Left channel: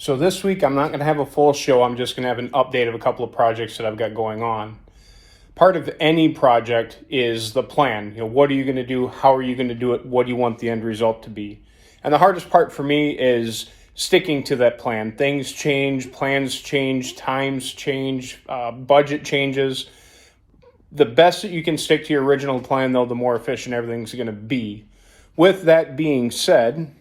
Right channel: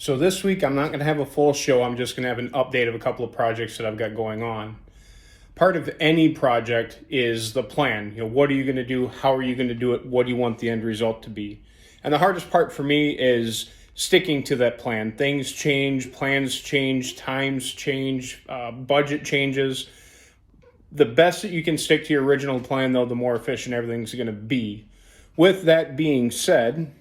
So this week I'm not going to have a full show. I'm just going to have an update of a couple of projects that I've got going on. Part of any project is the plan. What are you going to do? How are you going to do it? What do you want the end result to be? And the hardest part for me is sticking to that plan. Things change, plans change, times change, budget changes. The best that you can stick to your original plan, though, the more efficient everything's going to be. With that being said,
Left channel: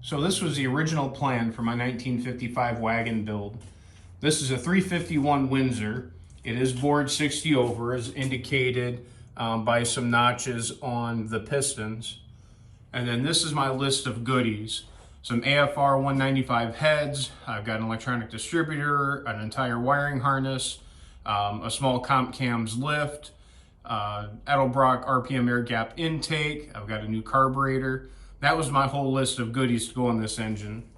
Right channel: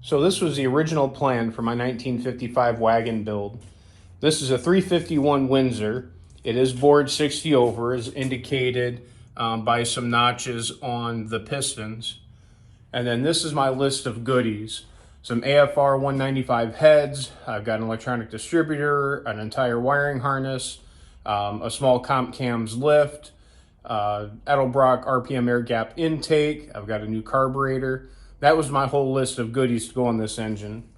so this was the original plan for my 1955 wagon build. This is a 351 Windsor. It is bored 60 over, as indicated by some notches on the pistons. And then this is my list of goodies. Some AFR 195 heads. I've got an electronic distributor, an entire wiring harness, a small comp cams lift, Edelbrock RPM air gap intake. I've got a new carburetor. That was my whole list of goodies to go on this engine.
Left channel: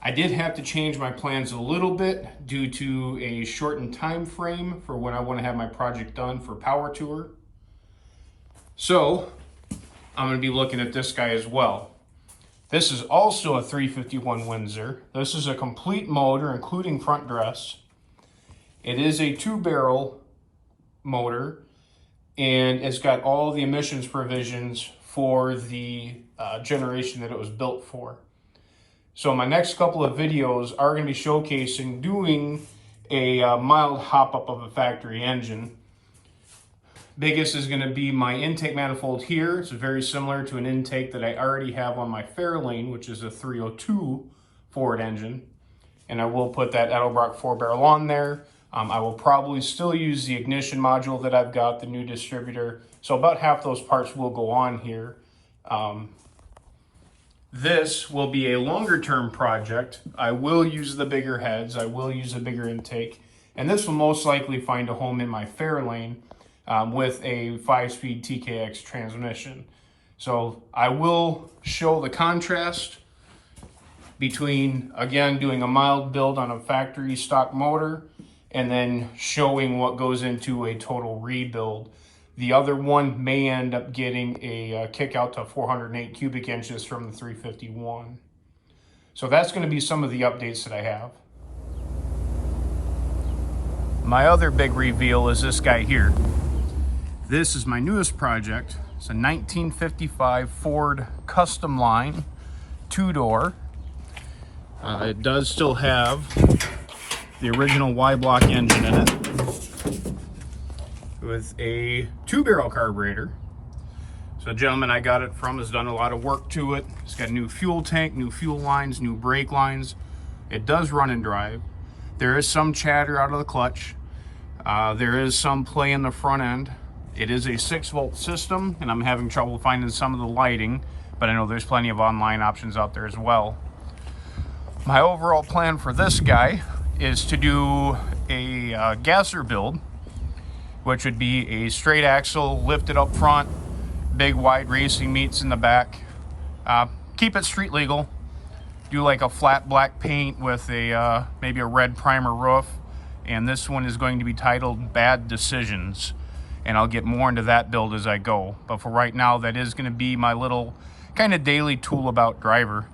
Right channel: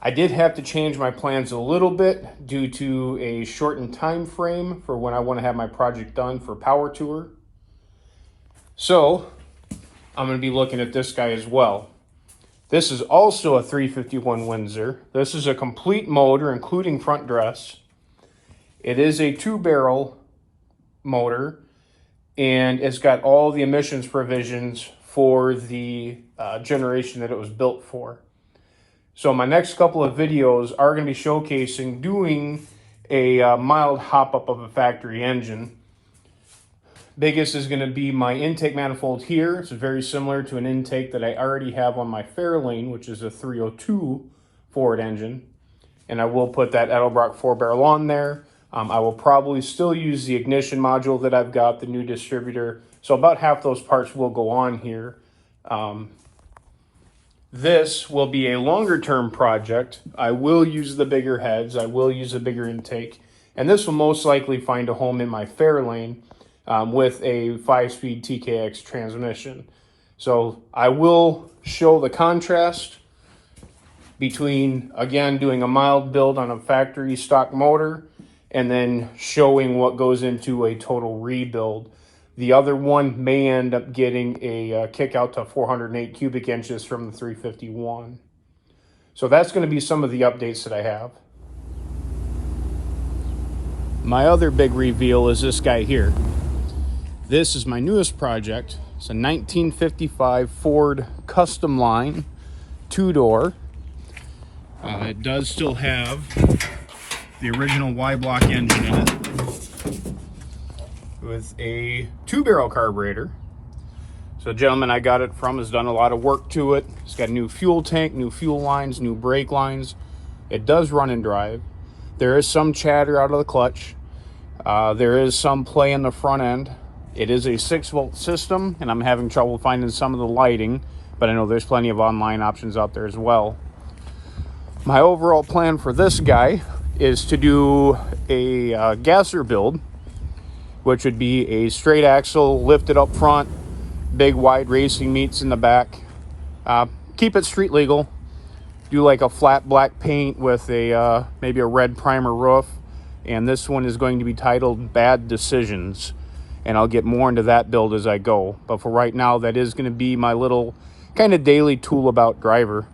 I did have to change my plans a little bit due to a shortened time frame for when I want to have my project done for Power Tour. So I'm going to be looking at this guy as well. This is also a 351 Windsor. This is a complete motor, including front dress. It is a 2-barrel motor, and it's got all the emissions provisions for the generation that it was built for. So my next couple of videos are going to be showcasing doing a mild hop-up of a factory engine. Biggest is going to be my intake manifold here. It's very similar to an intake that I already have on my Fairlane, which is a 302 Ford engine. And I will put that Edelbrock 4-barrel on there. I will probably still use the ignition module that I've got, the new distributor. So about half those parts will go on here. This will be a longer term project. I will use the bigger heads. I will use a bigger intake. And this will most likely find a home in my Fairlane with a 5-speed TKX transmission. So I will show the contrast between, again, doing a mild build on a factory stock motor and then showing what goes into a total rebuild. The other one may end up getting a kick out to 408 cubic inches from the 351. So that's going to be some of the updates that I have. My other big reveal is this guy here. This is my newest project. It's a 1955 Ford Custom Line 2-door. It does still have the original Y-block engine in it, with a 2-barrel carburetor. So the gentleman I got it from has done a lot of work to it. It's got a new fuel tank, new fuel lines, new brake lines. It does run and drive. There is some chatter out of the clutch. There is some play in the front end. It is a 6-volt system, and I'm having trouble finding some of the lighting, but I know there's plenty of online options out there as well. My overall plan for this guy is to do a gasser build, which would be a straight axle lifted up front, big wide racing meets in the back. Keep it street legal. Do like a flat black paint with a maybe a red primer roof. And this one is going to be titled Bad Decisions. And I'll get more into that build as I go. But for right now, that is going to be my little kind of daily tool about driver.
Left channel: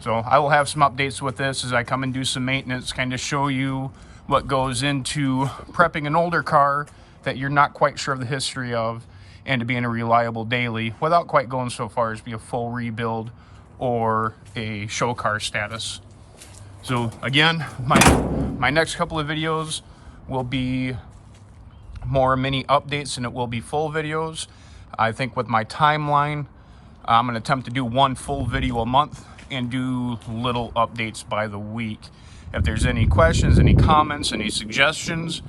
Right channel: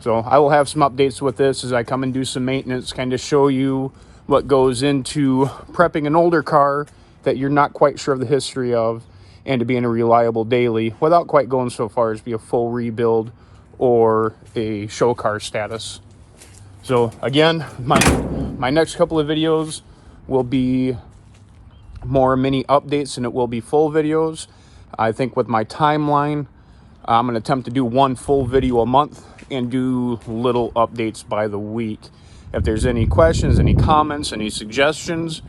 So I will have some updates with this as I come and do some maintenance, kind of show you what goes into prepping an older car that you're not quite sure of the history of, and to be in a reliable daily without quite going so far as be a full rebuild or a show car status. So again, my next couple of videos will be more mini updates and it will be full videos. I think with my timeline, I'm going to attempt to do one full video a month and do little updates by the week. If there's any questions, any comments, any suggestions,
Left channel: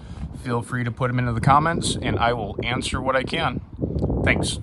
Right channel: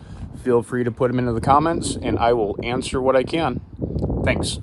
feel free to put them into the comments and I will answer what I can. Thanks.